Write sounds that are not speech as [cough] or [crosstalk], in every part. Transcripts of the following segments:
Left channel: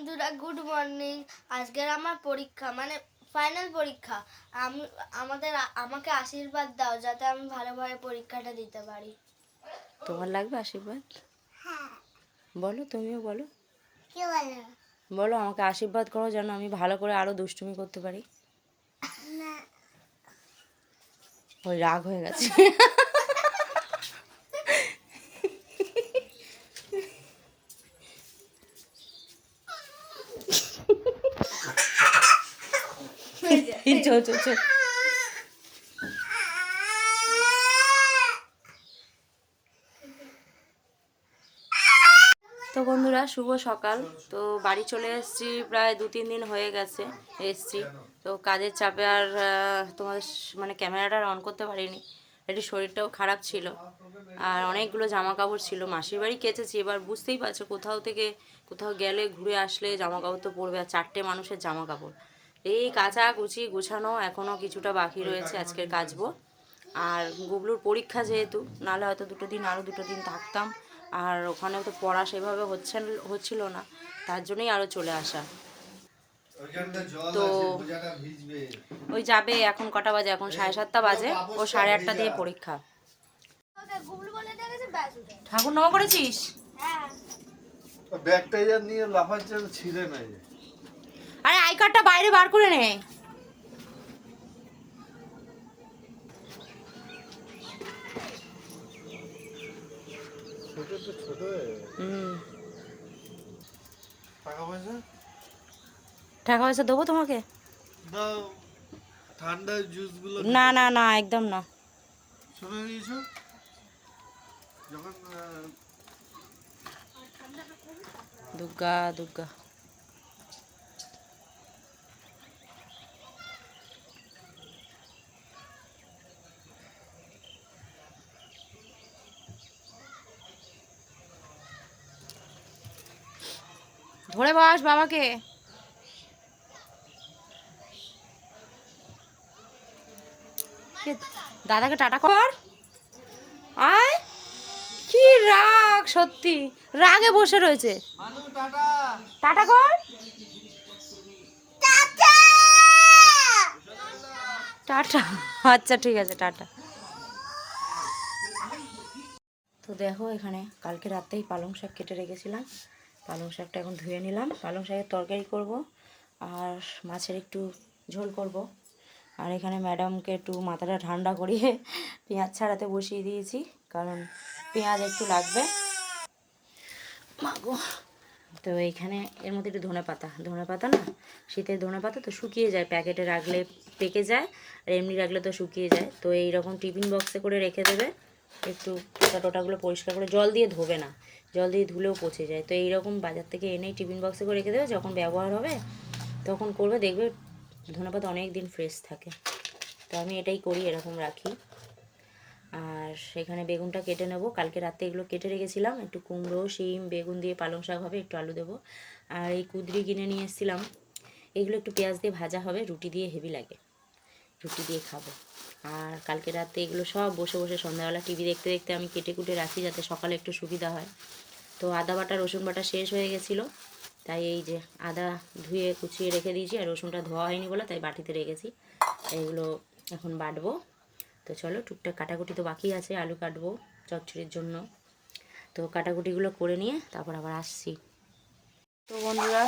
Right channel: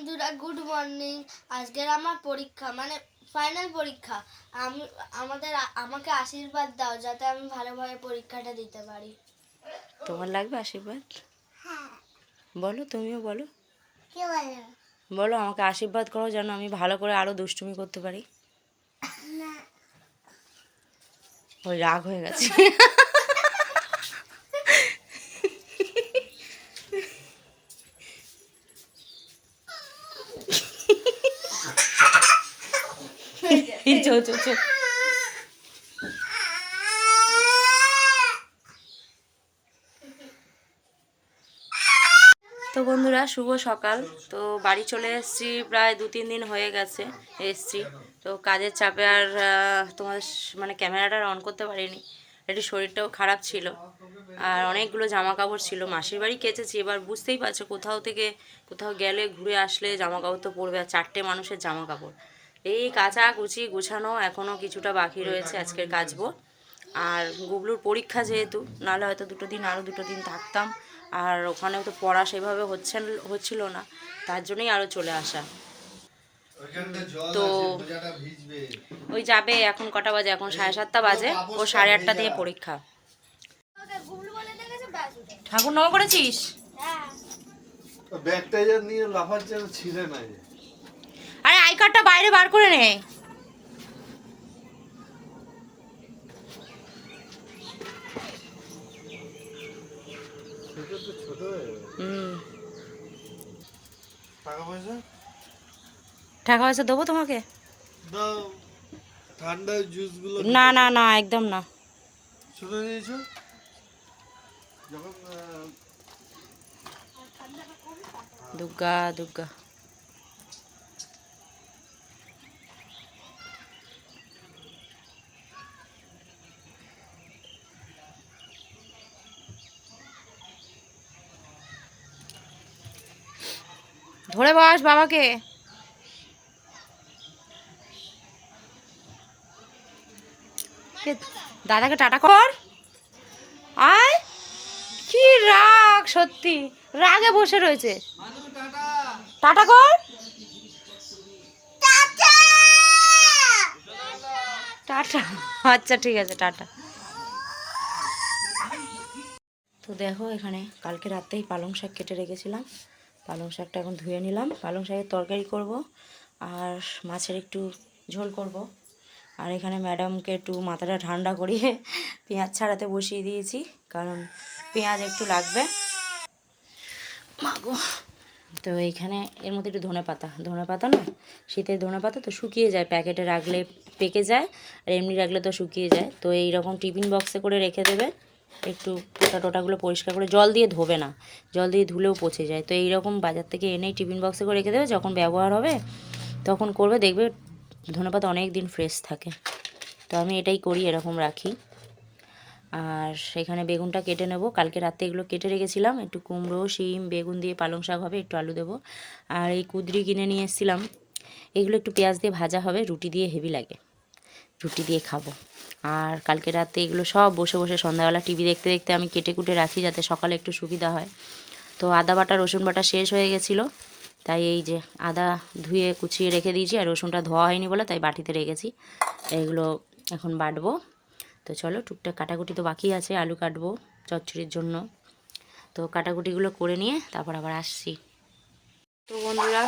বন্ধুরা good morning আজকের আমার পরীক্ষা মানে ফাইনাল পরীক্ষা। আমি আমাদের আমাকে আশীর্বাদ দাও যাতে আমি ভালোভাবে পরীক্ষাটা দিতে পারি। তোমার লাগবে আশীর্বাদ? বলো তুমিও বলো। কি বলো? বলো আমাকে আশীর্বাদ করো যেন আমি ভালো করে আরও দুষ্টুমি করতে পারি। ওই রাগ হয়ে গেছে। [laughs] চো তো বন্ধুরা, শুভ সকাল। তো বাড়ি চলে এসেছি প্রায় দু তিন দিন হয়ে গেছে এসছি। তো কাজের চাপে আর তোমাদের মানে ক্যামেরাটা অন করতে পারিনি। একটু শরীরটাও খারাপ ছিল। আর অনেকগুলো জামা কাপড় ছিল। মাসির বাড়ি কেচেছি। এবার বুঝতেই পারছ কোথাও থেকে কোথাও গেলে, ঘুরে আসলে জামা কাপড় তো পরবে। আর চারটে মানুষের জামা কাপড় এই কাঁচা কুচি গুছানো এখনও কিছুটা বাকি রয়েছে আজকের কাচবো। আর গুবলুর পরীক্ষা যেহেতু, নাহলে হয়তো দুটো দিন, আরও দুটো দিন থাকতাম। আর ওখানে তো পড়া সেভাবে হচ্ছে, হচ্ছিল না, তার জন্যই আরও চলে আসা। তো ওই যাবে এখন কটা বাজে? এখন সাড়ে সাতটা বাজে, ও সাড়ে আটটা দিয়ে পরীক্ষা। ঠাকুর নম করেছিস? ব্যাগটা নিয়ে লাফাচ্ছে তো ছিঁড়ে নাই। আরে আই কার্ডটা বাইরে বার করে নে। টাকা পয়সা? দেবো তোমাকে? ঠান্ডা জুসগুলো না না না একদম না। শুনে নিয়েছো যখন দুর্গা দুর্গা ধরে বস বাবাকে। দাদাকে টাটা কর। আয় কি রাগ সত্যি রাগে বসে রয়েছে। টাটা কর। টাটা। আচ্ছা ঠিক আছে টাটা। তো দেখো এখানে কালকে রাতেই পালং শাক কেটে রেখেছিলাম। পালং শাকটা এখন ধুয়ে নিলাম। পালং শাকের তরকারি করব আর মাছের একটু ঝোল করব। আর এখানে ম্যাডামকে একটু মাথাটা ঠান্ডা করিয়ে [laughs] পেঁয়াজ ছাড়াতে বসিয়ে দিয়েছি, কারণ পেঁয়াজ একটু লাগবে। মাগো তো এখানে এর মধ্যে একটু ধনে পাতা। ধনে পাতা না, শীতের ধনে পাতা তো শুকিয়ে যায়, প্যাকেটে রাখলে পেকে যায়, আর এমনি রাখলে তো শুকিয়ে যায়। তো এই রকম টিফিন বক্সে করে রেখে দেবে। একটু টোটা টোটাগুলো পরিষ্কার করে জল দিয়ে ধোবে না। জল দিয়ে ধুলেও পচে যায়। তো এইরকম বাজার থেকে এনেই টিফিন বক্সে করে রেখে দেবে। যখন ব্যবহার হবে তখন করবে। দেখবে ধনেপাতা অনেক দিন ফ্রেশ থাকে। তো আমি এটাই করি, এরকম রাখি। আর সেখানে বেগুনটা কেটে নেব। কালকে রাতে এগুলো কেটে রেখেছিলাম। একটু কুমড়ো, শিম, বেগুন দিয়ে পালং শাক হবে, একটু আলু দেবো। আর এই কুদরি কিনে নিয়ে এসেছিলাম। এগুলো একটু পেঁয়াজ দিয়ে ভাজা হবে। রুটি দিয়ে হেভি লাগে। রুটি দিয়ে খাব। আর কালকে রাতে এগুলো সব বসে বসে সন্ধ্যাবেলা টিভি দেখতে দেখতে আমি কেটে কুটে রাখি যাতে সকালে একটু সুবিধা হয়। তো আদা বাটা রসুন বাটা শেষ হয়ে গেছিল। তাই এই যে আদা ধুয়ে কুচিয়ে রেখে দিয়েছি আর রসুনটা ধোয়া হয়নি বলে তাই বাটিতে রেখেছি। এগুলো এখন বাটবো। তো চলো টুকটাক কাটাকুটি তো বাকি আছে আলু কাটবো চচ্চড়ির জন্য। তো কাটাকুটিগুলো করে নিয়ে তারপর আবার আসছি। তো বন্ধুরা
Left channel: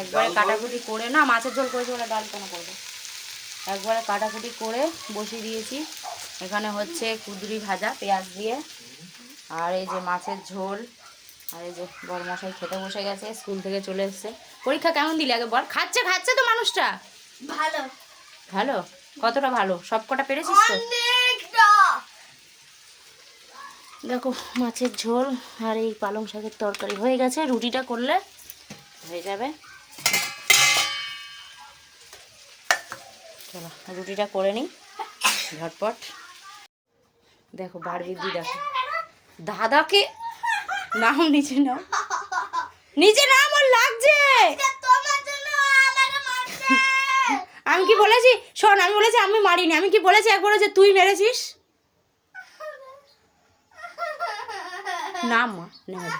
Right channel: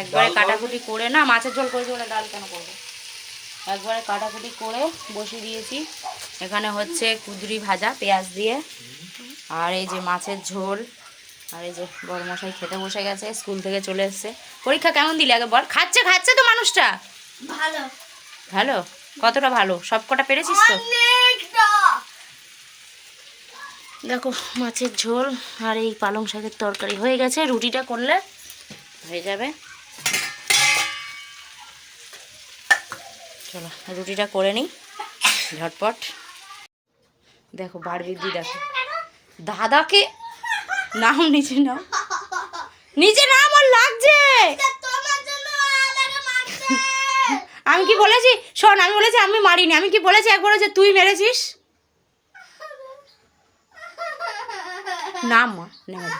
একবারে কাটাকুটি করে না মাছের ঝোল করেছি ওরা ডাল কেন করব? একবারে কাটাকুটি করে বসিয়ে দিয়েছি। এখানে হচ্ছে কুদরি ভাজা পেঁয়াজ দিয়ে। আর এই যে মাছের ঝোল আর এই যে বড় মশাই খেতে বসে গেছে স্কুল থেকে চলে এসছে। পরীক্ষা কেমন দিলে আগে বল? খাচ্ছে খাচ্ছে তো মানুষটা? ভালো। ভালো? কতটা ভালো? সব কটা পেরেছিস তো? দেখো মাছের ঝোল আর এই পালং শাকের তরকারি হয়ে গেছে। রুটিটা করলে হয়ে যাবে। চলো, রুটিটা করে নিই, ঝটপট। দেখো বার বৃদ্ধি দেখো। দাদাকে নাম নিচে নাও। নিচে নাম ওর লাগছে। আমি কি বলেছি? শোন, আমি বলেছি আমি মারিনি। আমি কি বলেছি একবারও যে তুই মেরেছিস? না মা নেমে যা।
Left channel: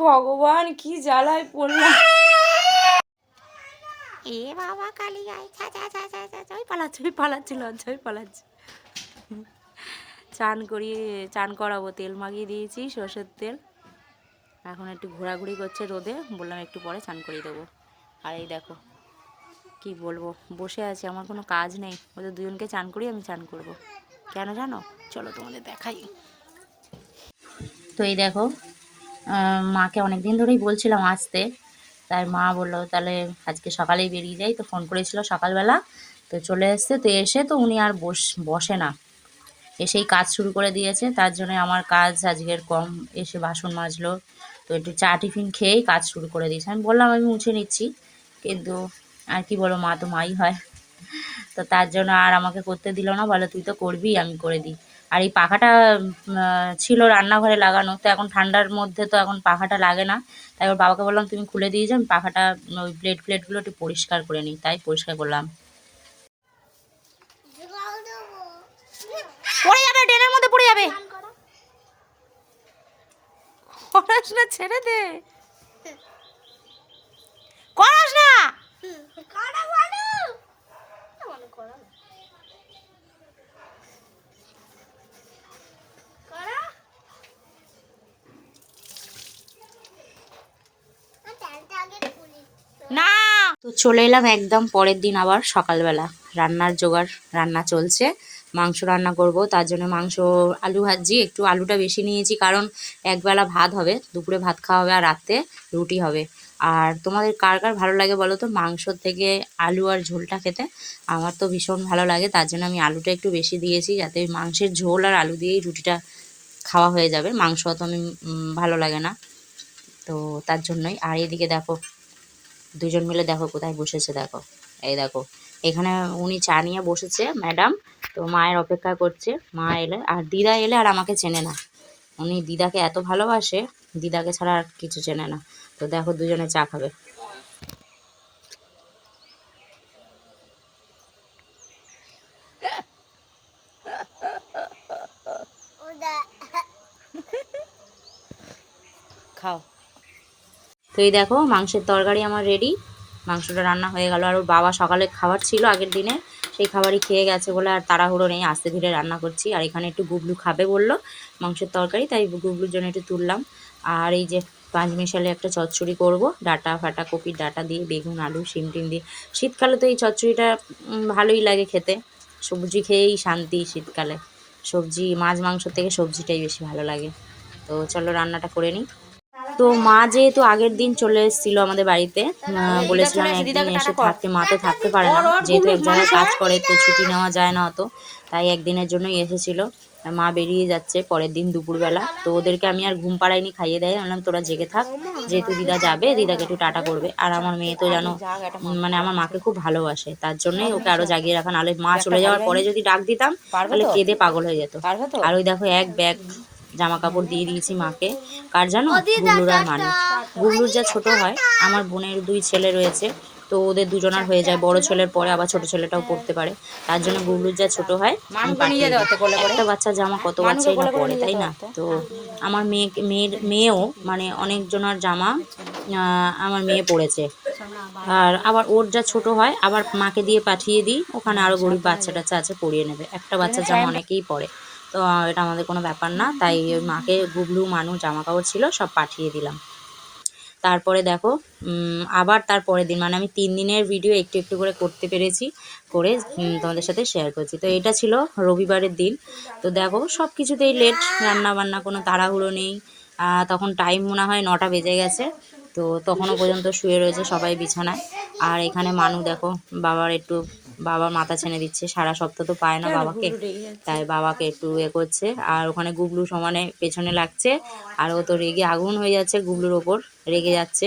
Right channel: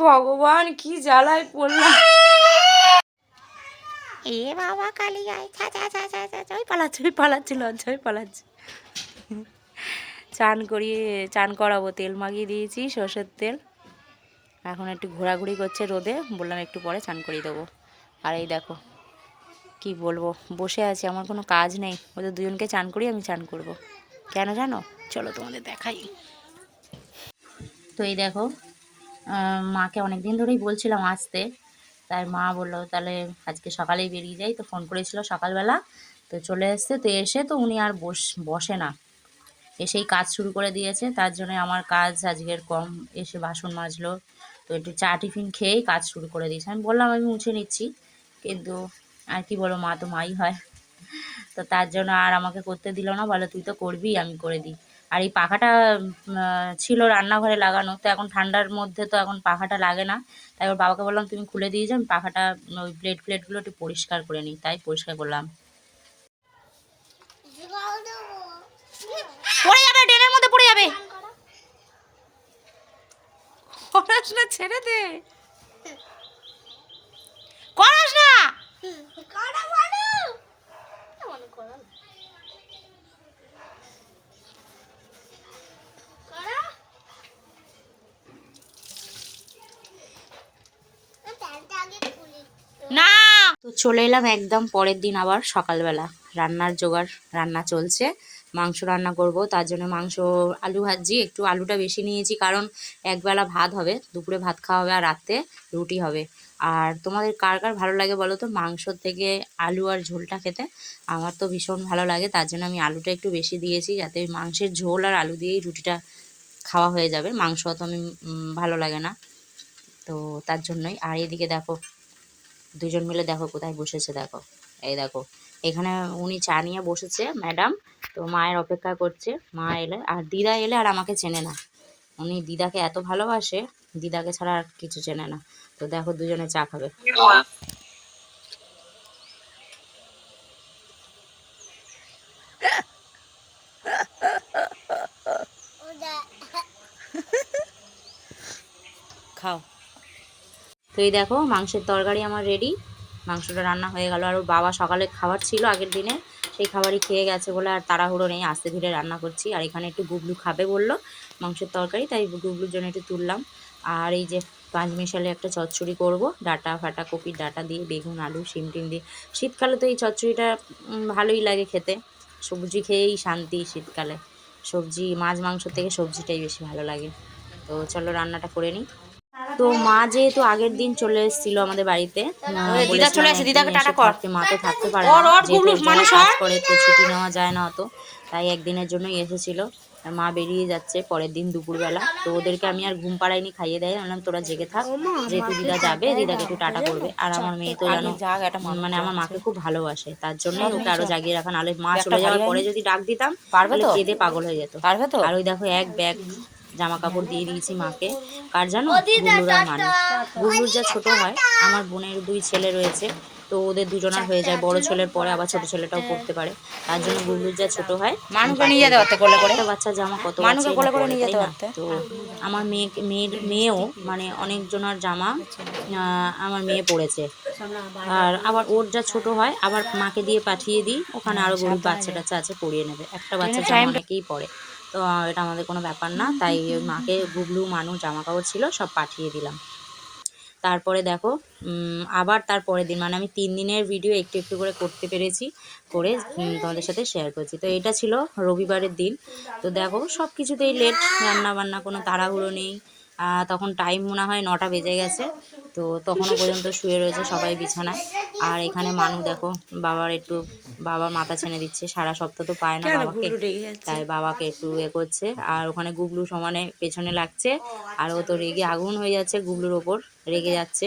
ভগবান কি জ্বালায় পড়লাম। এ বাবা কালী গায়ে ছা ছা ছা ছা ছা ছা ওই পালাচ্ছে ওই পালাচ্ছে লজ্জা ওই পালাচ্ছে। চান করিয়ে চান করাবো তেল মাখিয়ে দিয়েছি সর্ষের তেল। এখন একটু ঘোরাঘুরি করছে রোদে বললাম একটু পরে চান করিয়ে দেবো। আর এই দেখো কি বলব বসে আছি আমার কোনো কাজ নেই। ওদের দুজনকে চান করি আমি চান করব। কেন জানো? চলো তোমাদের দেখাই। তো এই দেখো মাকে অনেক দিন ধরেই বলছিলাম আসতে। তাই মা বলল, তাহলে আজকে সকালেই বেরিয়ে যাই। তো ফোন করেছিল সকালবেলা। তো চলে এসছে, তো এসে তো উনি আর বস, বসে না। এসেই কাজ শুরু করে দিয়েছে। তার জন্য আমার কাজ আজকের কম। এসে বাসন মাজলো। তো একটু চা, টিফিন খেয়েই কাজ শুরু করে দিয়েছে। আমি বললাম, আমি মুছে নিচ্ছি। কিন্তু আর কি বলো মা তো মাই হয়। তো তার জন্য আর আমাকে করতে দিল না। বলে, তুই তো করবি, আমি করে দিই। আর এই পাখাটা ছিল রান্নাঘরে লাগানো, তো এখন ঠান্ডার মধ্যে তো এখন পাখাটা লাগে না। তাই ওর বাবাকে বললাম, তুমি খুলে দিয়ে যাও পাখাটা ওই প্লেট প্লেটগুলো একটু পরিষ্কার করে নিই। তাই পরিষ্কার করলাম। পড়ে যাবে, ড্রেনের মধ্যে পড়ে যাবে। করাস না, ছেড়ে দে। করাস না। করা না! তো চলে এলাম একদম পরের দিন আবার সকালবেলা। রান্নার জোগাড়, রান্না চলছে, মাংস রান্না করব, তার জন্য মাংস, আলু ভাজি একটু আলুটা বেশি নিয়েছি কারণ একবেলা ভাত হবে, দুপুরে ভাত খাওয়া হবে আর রাতে রুটি হবে। আর তোমাদের কার কার ভালো লাগে বলো তো? মাংসর থেকে আলু আর ঝোলটা খেতে আমার তো ভীষণ ভালো লাগে, তার জন্য আমি আলুটা একটু বেশি দিয়েছি যাতে মাংসের ঝোল আর আলু দিয়েই রুটিটা খাওয়া হয়ে যাবে। মাংস অত আমি ভালো লাগে না, তো তার জন্যই। আর এদিকে দেখো দুজন মিলে দেখো কোথায় বসেছে, দেখো। এই দেখো, এখানে উনি চা নিয়ে বসেছে ম্যাডাম তো মায়ের অপেক্ষা করছে, মা এলে, আর দিদা এলে আর আমাকে চেনে না। উনি দিদাকে এত ভালোবাসে, দিদাকে ছাড়া আর কিছু চেনে না। তো দেখো দুজনে চা খাবে। এই দেখো, মাংসের তরকারি আমার রেডি মাংসটা রান্না হয়ে গেল। আর ওর বাবা সকালে খাবার ছিল আগের দিনে, সেই খাবারই খেয়ে গেছে বলে আর তাড়াহুড়ো নেই। আস্তে ধীরে রান্না করছি। আর এখানে একটু গুবলু খাবে বলল মাংসের তরকারি, তাই গুবলুর জন্য একটু তুললাম। আর এই যে পাঁচ মিশালে একটা চচ্চড়ি করব, ডাটা ফাটা, কপির ডাটা দিয়ে, বেগুন, আলু, শিম টিম দিয়ে। শীতকালে তো এই চচ্চড়িটা ভালোই লাগে খেতে। সবজি খেয়েই শান্তি শীতকালে। সবজি, মাছ, মাংস থেকে সবজিটাই বেশি ভালো লাগে। তো চলো রান্নাটা করে নিই। তো মা যেহেতু আগের দিন চলে এসেছিল আমাদের বাড়িতে আহ, বলেছিলাম একদিন এসে থাকতে মা তো থাকতে পারে ওর জামাই কাজ করে তো ছুটি নেওয়া যায় না অত। তাই একদিনের জন্যই এসেছিল। মা বেরিয়ে যাচ্ছে পরের দিন দুপুরবেলা। তো ওদেরকে আমি আর ঘুম পাড়াইনি খাইয়ে দেয়। বললাম তোরা জেগে থাক। যেহেতু দিদা যাবে দিদাকে একটু টাটা করবে। আর আমার মেয়ে তো জানো মানে আমার মাকে খুব ভালোবাসে। তার জন্যই ওকে আরও জাগিয়ে রাখা। নাহলে মা চলে যাওয়ার পরে যদি ডাক দিতাম তাহলে কেঁদে পাগল হয়ে যেত। আর ওই দেখো এক ব্যাগ জামা কাপড় দিয়ে দিয়েছি মাকে। কার জানো? গুবলুর মানে। গুবলুর যা ছোট হয় আমার বোনের দুই ছেলে রয়েছে তো ওদের দুজনার হয়ে যায়। বড় ছেলের পরে আবার ছোট ছেলেটাও পড়তে পারে। তার জন্য গুবলুর যা ছোট হয় মানুষকে নিয়ে যেতে পারতে কোলে করে। বাচ্চা জামা কত মানুষকে কোলে করে নিয়ে যেতে? পারতে। তো আমার মেয়ে মেয়ের মেয়েও মানে অনেক জনের জামা আমার মেয়ে পড়েছে। আর আবার ওর যা ছোট হয় আবার মাকে দিয়ে পাঠিয়ে দিই। ওখানে আরও গরিব বাচ্চা টাচ্চা আছে পড়িয়ে নেবে। একটা বাচ্চা জামা অনেকেই পড়ে। তো এটা আমাদের কোনো ব্যাপার না। তাই মাকে গুবলু মানুষ জামা কাপড় ছিল, সব পাঠিয়ে দিলাম। তারপরে দেখো আবার তার পরের দিন মানে আমি তিন দিনের ভিডিও একটু একটু করে করতে পেরেছি, করে তোমাদের সাথে শেয়ার করছি। তো এটা ছিল রবিবারের দিন। তো দেখো সব কিছুতেই লেট রান্না বান্না কোনো তাড়াহুড়ো নেই। তখন টাইম মনে হয় নটা বেজে গেছে। তো তখনও পর্যন্ত শুয়ে রয়েছে সবাই বিছানায়। আর এখানে মানু দেখো বাবার একটু বাবা মাথা ছেনে দিচ্ছে সারা সপ্তাহ তো পায় না বাবাকে। তাই বাবাকে একটু এ করছে। আর ওখানে গুবলু সমানে পেছনে লাগছে আর ও তো রেগে আগুন হয়ে যাচ্ছে গুবলুর ওপর রেগে যাচ্ছে।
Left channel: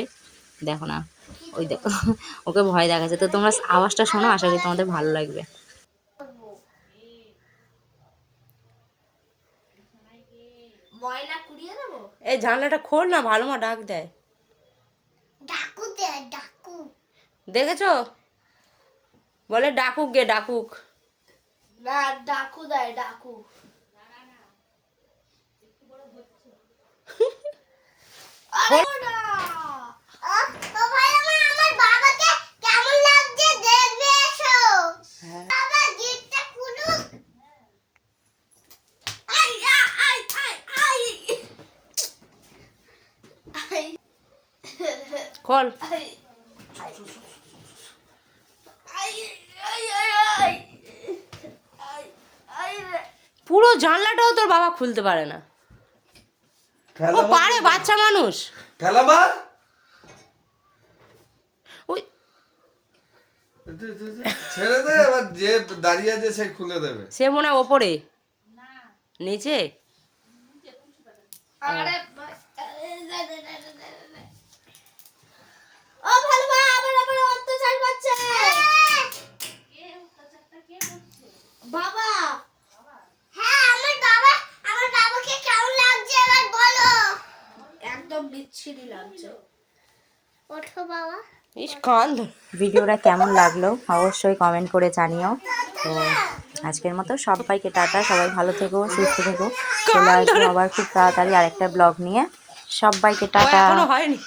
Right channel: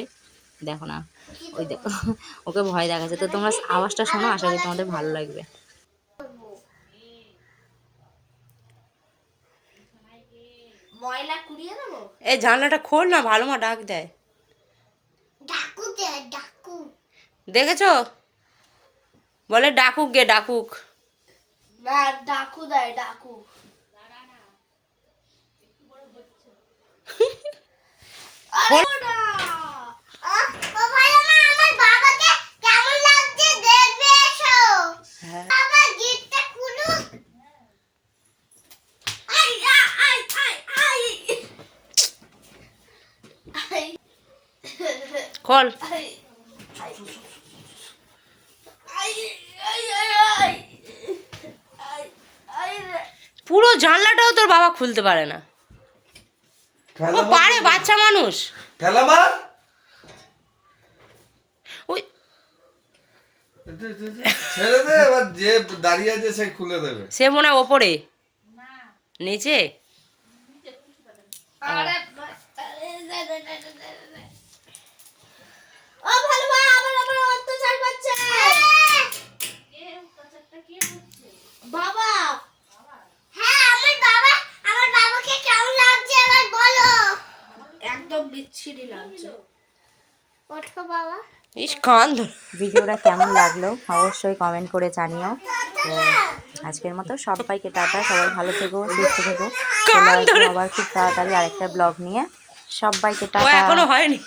দেখো না ওই দেখো ওকে ভয় দেখাচ্ছে। তো তোমরা আওয়াজটা শোনো আশা করি তোমাদের ভালো লাগবে। ময়লা কুড়িয়ে দেবো? এই জানলাটা খোল না ভালো মা ডাক দেয়। দেখেছ? বলে ডাকুক গে ডাকুক। না ডাকু দেয় ডাকু হ্যাঁ বাবা গিফটটা খুলুক আই আই আই আই আই খোল। আই আই আই আই আই আই আই রে পুরো জানলাটাও তোর বাবা খুলতে পারে না। ও পারে বাচ্চা মানুষ। ওই একটু, একটু, একটু। ছেড়ে দে এবার যে দাঁড়িয়ে আছে সে খুলে দেবে। সে মনে হয় ওপরে। নিচে? আরে দে দে দে দে দে দে। ও ভালো মা আবার আবার অত্যাচার করছে বাবা। হ্যাঁ আমার বাবা আমার বাবাকে কেমন লাগছে এবার বলো? একদম বিচ্ছিরি লাগছে। ওঠো বাবা। ইস কান ভিডিওটা কেমন লাগল অবশ্যই কমেন্ট করে জানিও। আজকের মতো সবাইকে টাটা সবাই ভালো থেকো সুস্থ থেকো। আবার খুব তাড়াতাড়ি আরেকটা ব্লগ নিয়ে সবাইকে ও টাটা। এখনও হয়নি।